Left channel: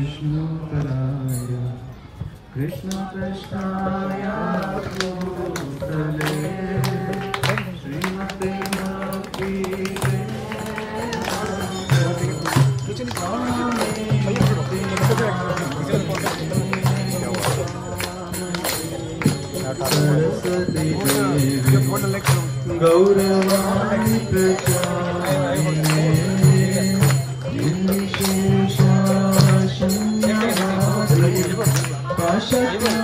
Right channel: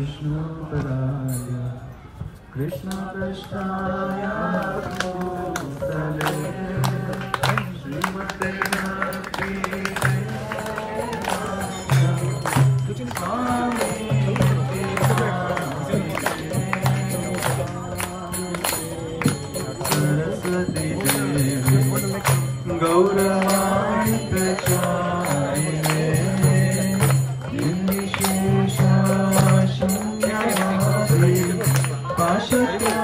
विष्णुपदाय कृष्णपृष्ठाय भूतले श्रीमते भक्ति सरस्वती देवी गौरवाणी प्रचारिणे निर्विशेषशून्यवादी पाशत्यागशतारिणे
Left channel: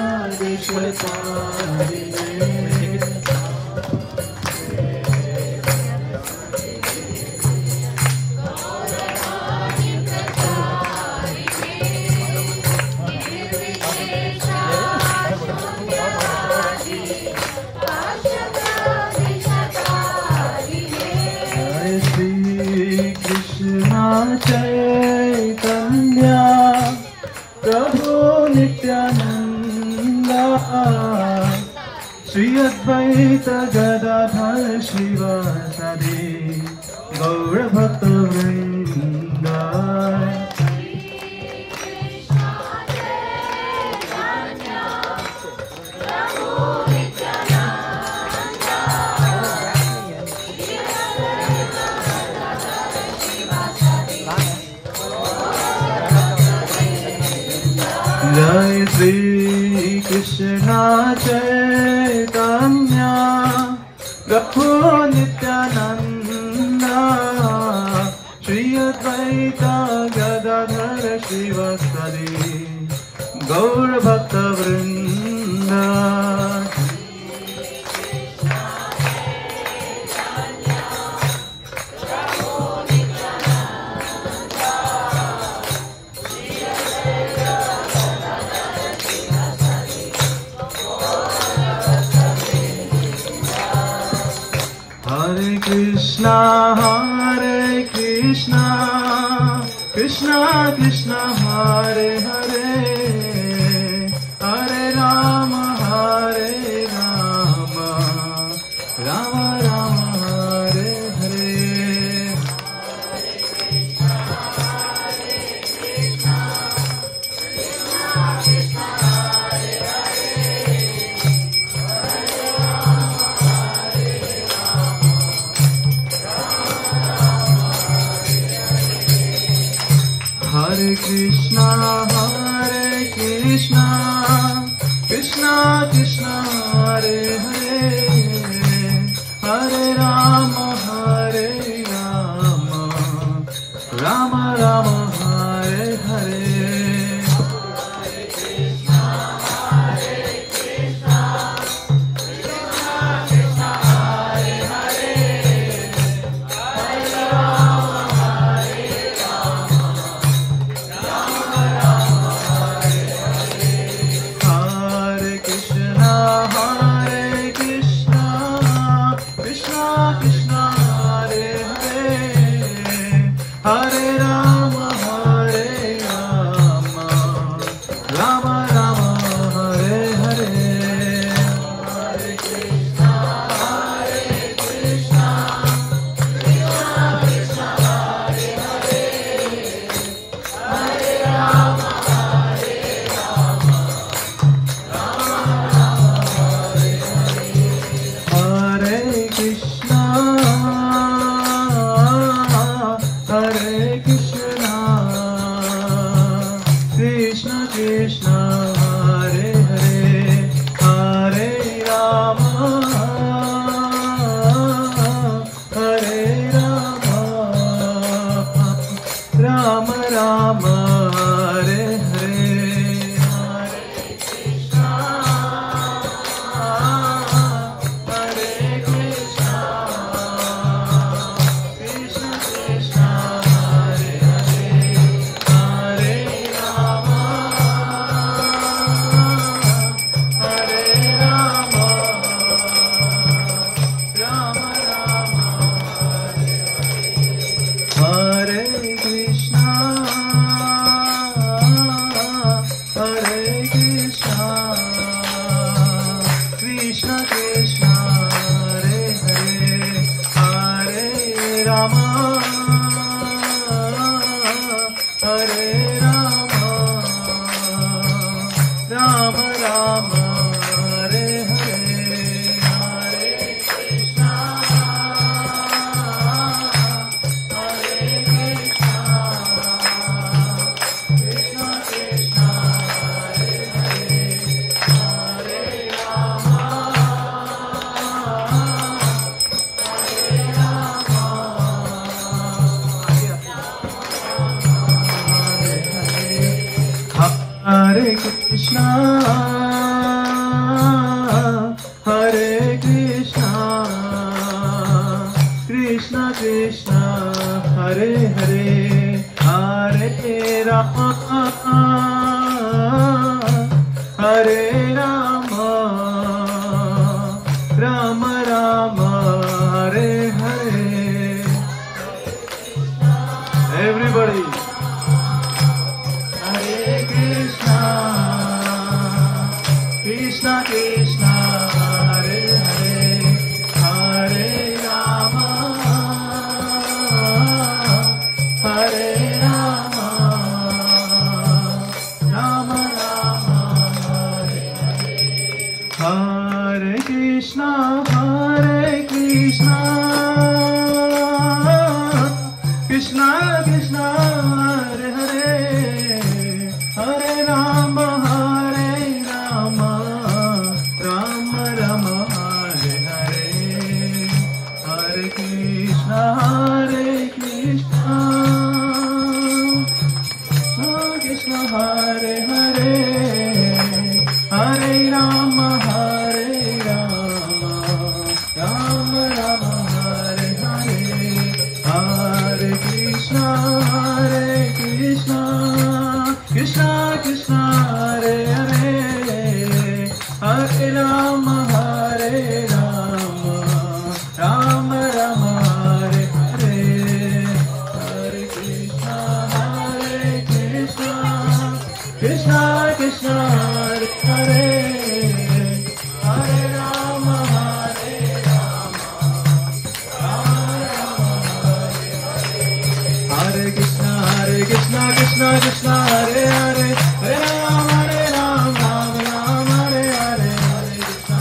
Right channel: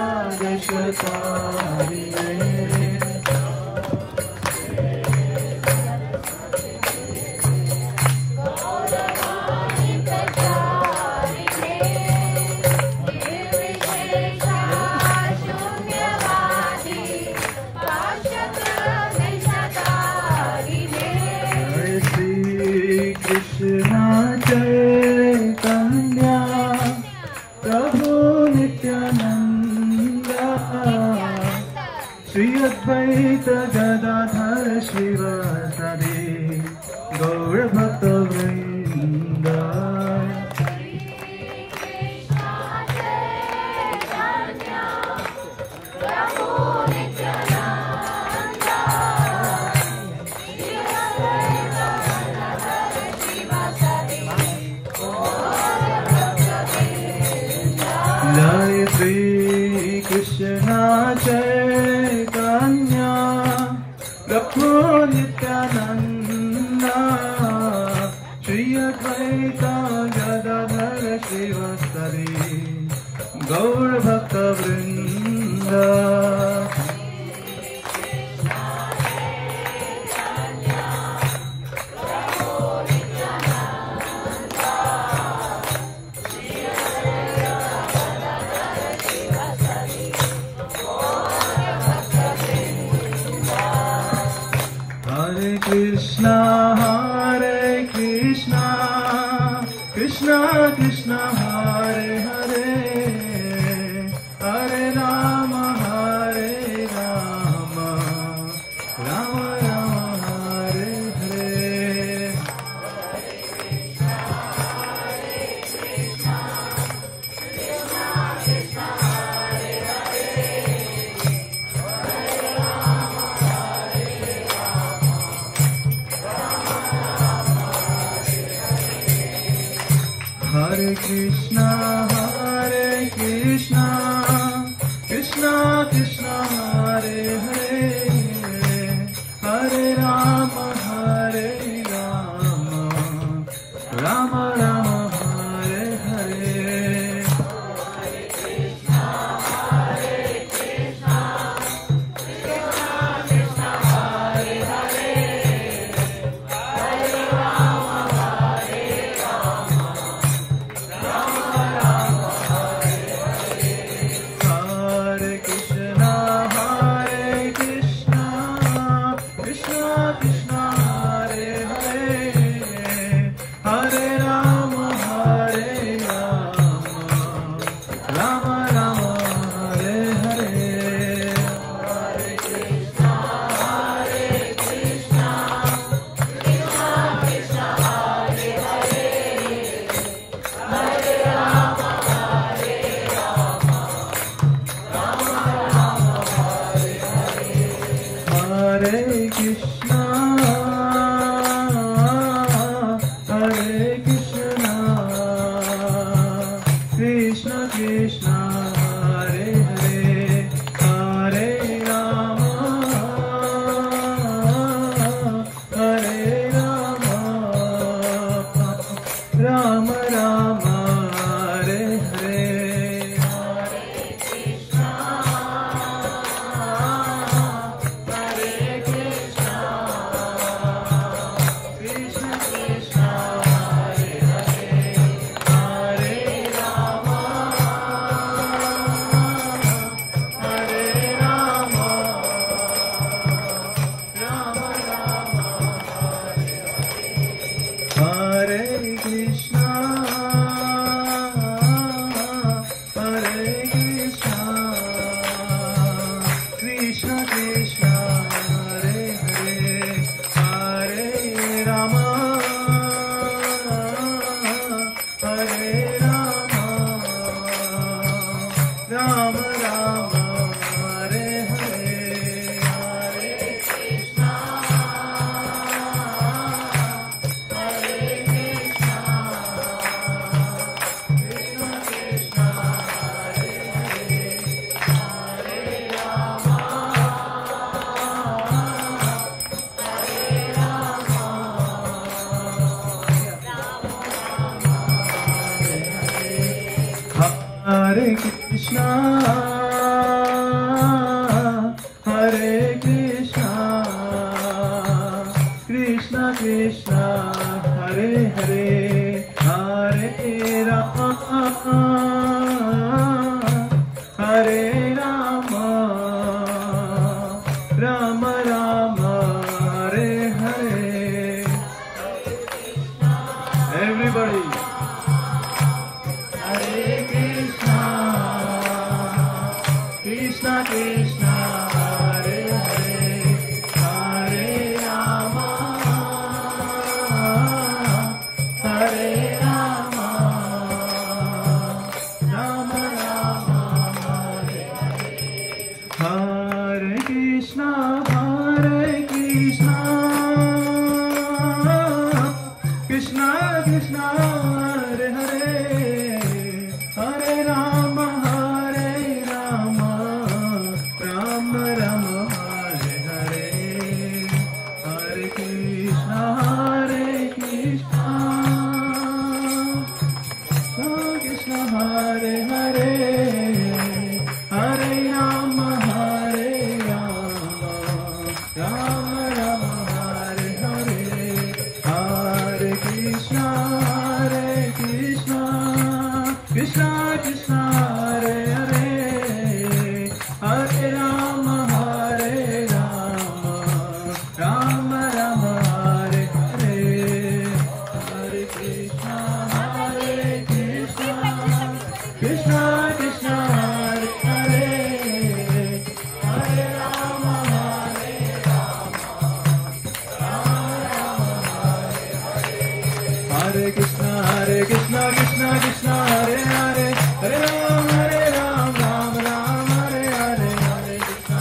कृष्णा चैतन्या प्रभु नित्यानंदा श्री अद्वैत गदाधर शिवासादि गौर भक्त वृंदा जय श्री कृष्णा चैतन्या प्रभु नित्यानंदा श्री अद्वैत गदाधर शिवासादि गौर भक्त वृंदा Krishna Krishna Krishna Hare Hare Hare Rama Rama Rama Hare Hare Hare Krishna Krishna Krishna Hare Hare Hare Rama Rama Rama Hare Hare Krishna Krishna, Hare Krishna, Krishna Krishna, Hare Hare, Hare Rama, Hare Rama, Rama Rama, Hare Hare. Everybody. Hare Krishna, Krishna Krishna, Hare Hare, Hare Rama, Hare Rama, Rama Rama, Hare Hare. Hare Krishna, Krishna Krishna, Hare Hare, Hare Rama, Rama Rama, Hare Hare. Hare Krishna, Krishna Krishna, Hare Hare, Hare Rama, Rama Rama, Hare Hare. Hare Krishna, Krishna Krishna, Hare Hare, Hare Rama, Rama Rama, Hare Hare. Hare Krishna, Krishna Krishna, Hare Hare, Hare Rama, Hare Krishna, Krishna Krishna, Hare Hare, Hare Ram, Ram Ram, Hare Hare. Hare Krishna,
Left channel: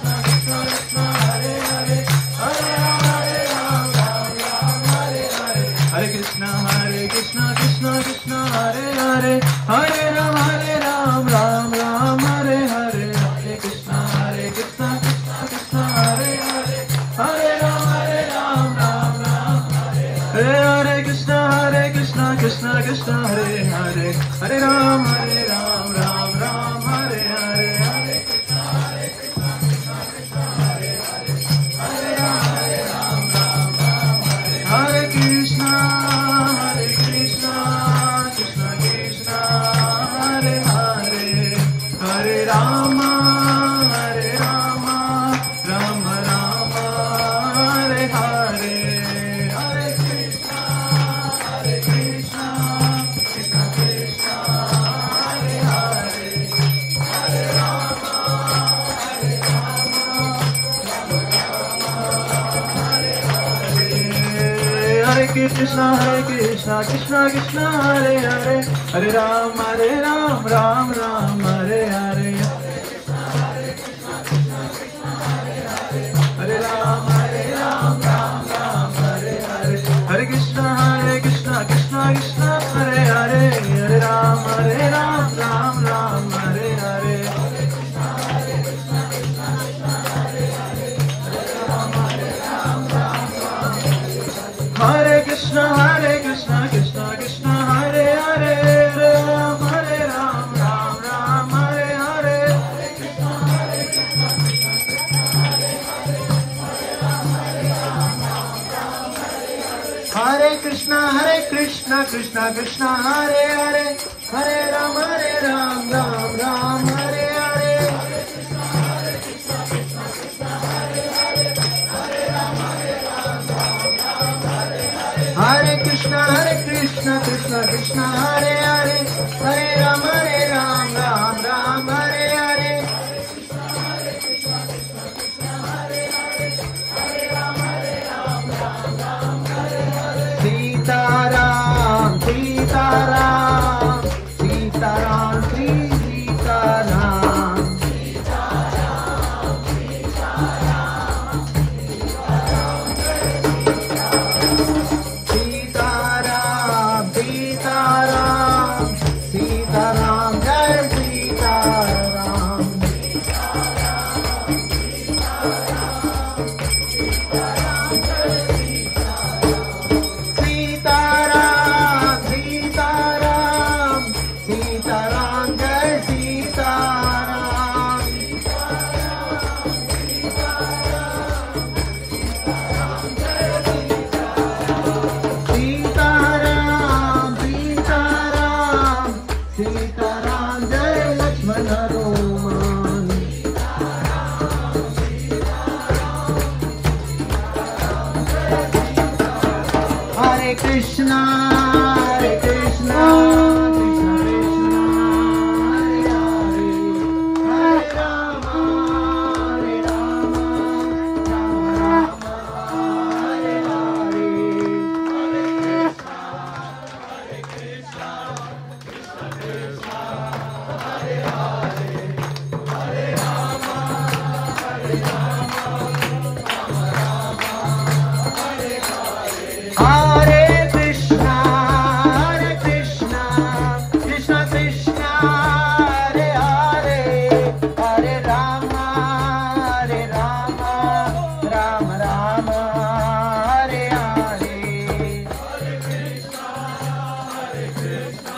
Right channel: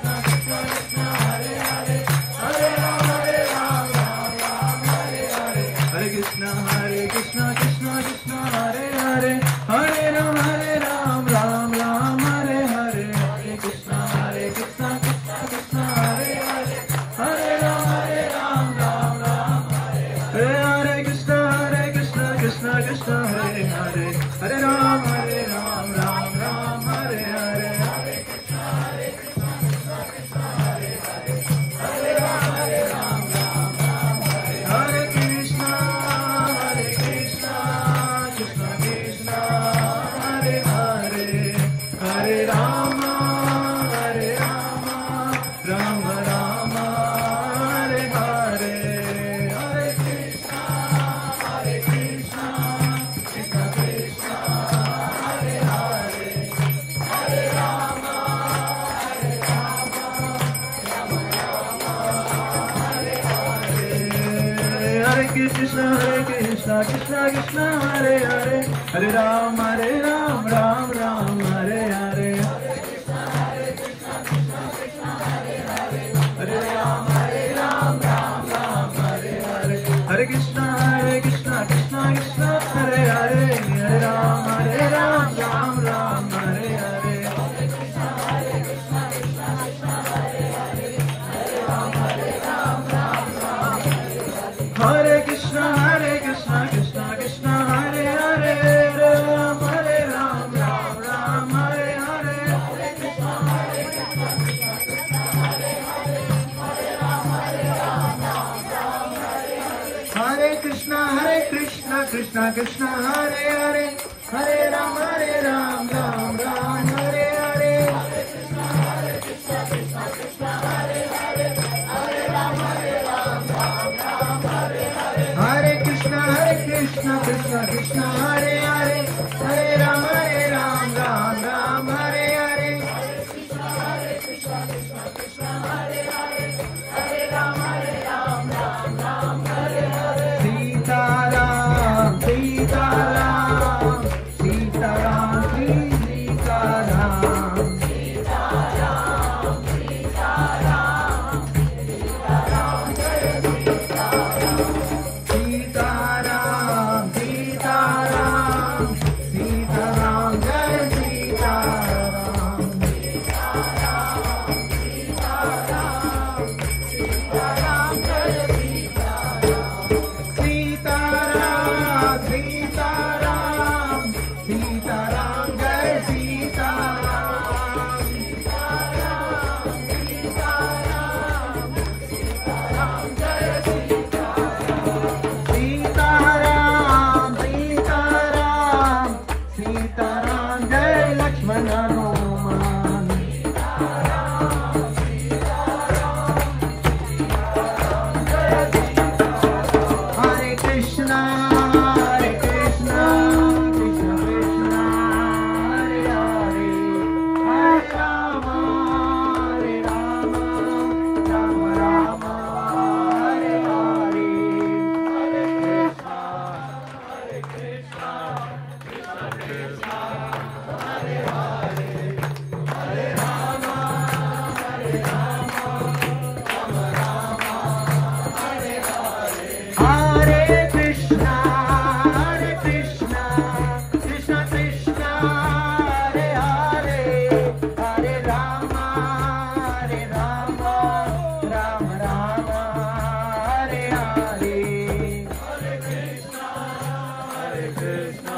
Krishna Krishna, Hare Hare, Hare Ram, Ram Hare Hare. Hare Krishna, Krishna Krishna, Hare Hare, Hare Ram, Ram Hare Hare. Hare Krishna, Krishna Krishna, Hare Hare, Hare Ram, Ram Hare Hare. Hare Krishna, Krishna Krishna, Hare Hare, Hare Ram, Ram Hare Hare. Hare Krishna, Krishna Krishna, Hare Hare, Hare Krishna, Krishna Krishna, Hare Hare, Hare Rama, Rama Rama, Hare Hare. Hare Krishna, Krishna Krishna, Hare Hare, Hare Rama, Hare Krishna, Krishna Krishna, Hare Hare, Hare Ram, Ram Hare Hare. Hare Ram, Ram Hare Hare. Hare Krishna, Krishna Krishna, Hare Hare, Hare Ram, Ram Hare Hare. Hare Krishna, Krishna Krishna, Hare Hare, Hare Ram, Ram Hare Hare. Hare Krishna, Krishna Krishna, Hare Hare, Hare Ram, Ram Hare Hare. Hare Krishna, Krishna Krishna, Hare Hare, Hare Ram, Ram Hare Hare. Sitaram, Sitaram, Sitaram, Sitaram. Sitaram, Sitaram, Sitaram. Krishna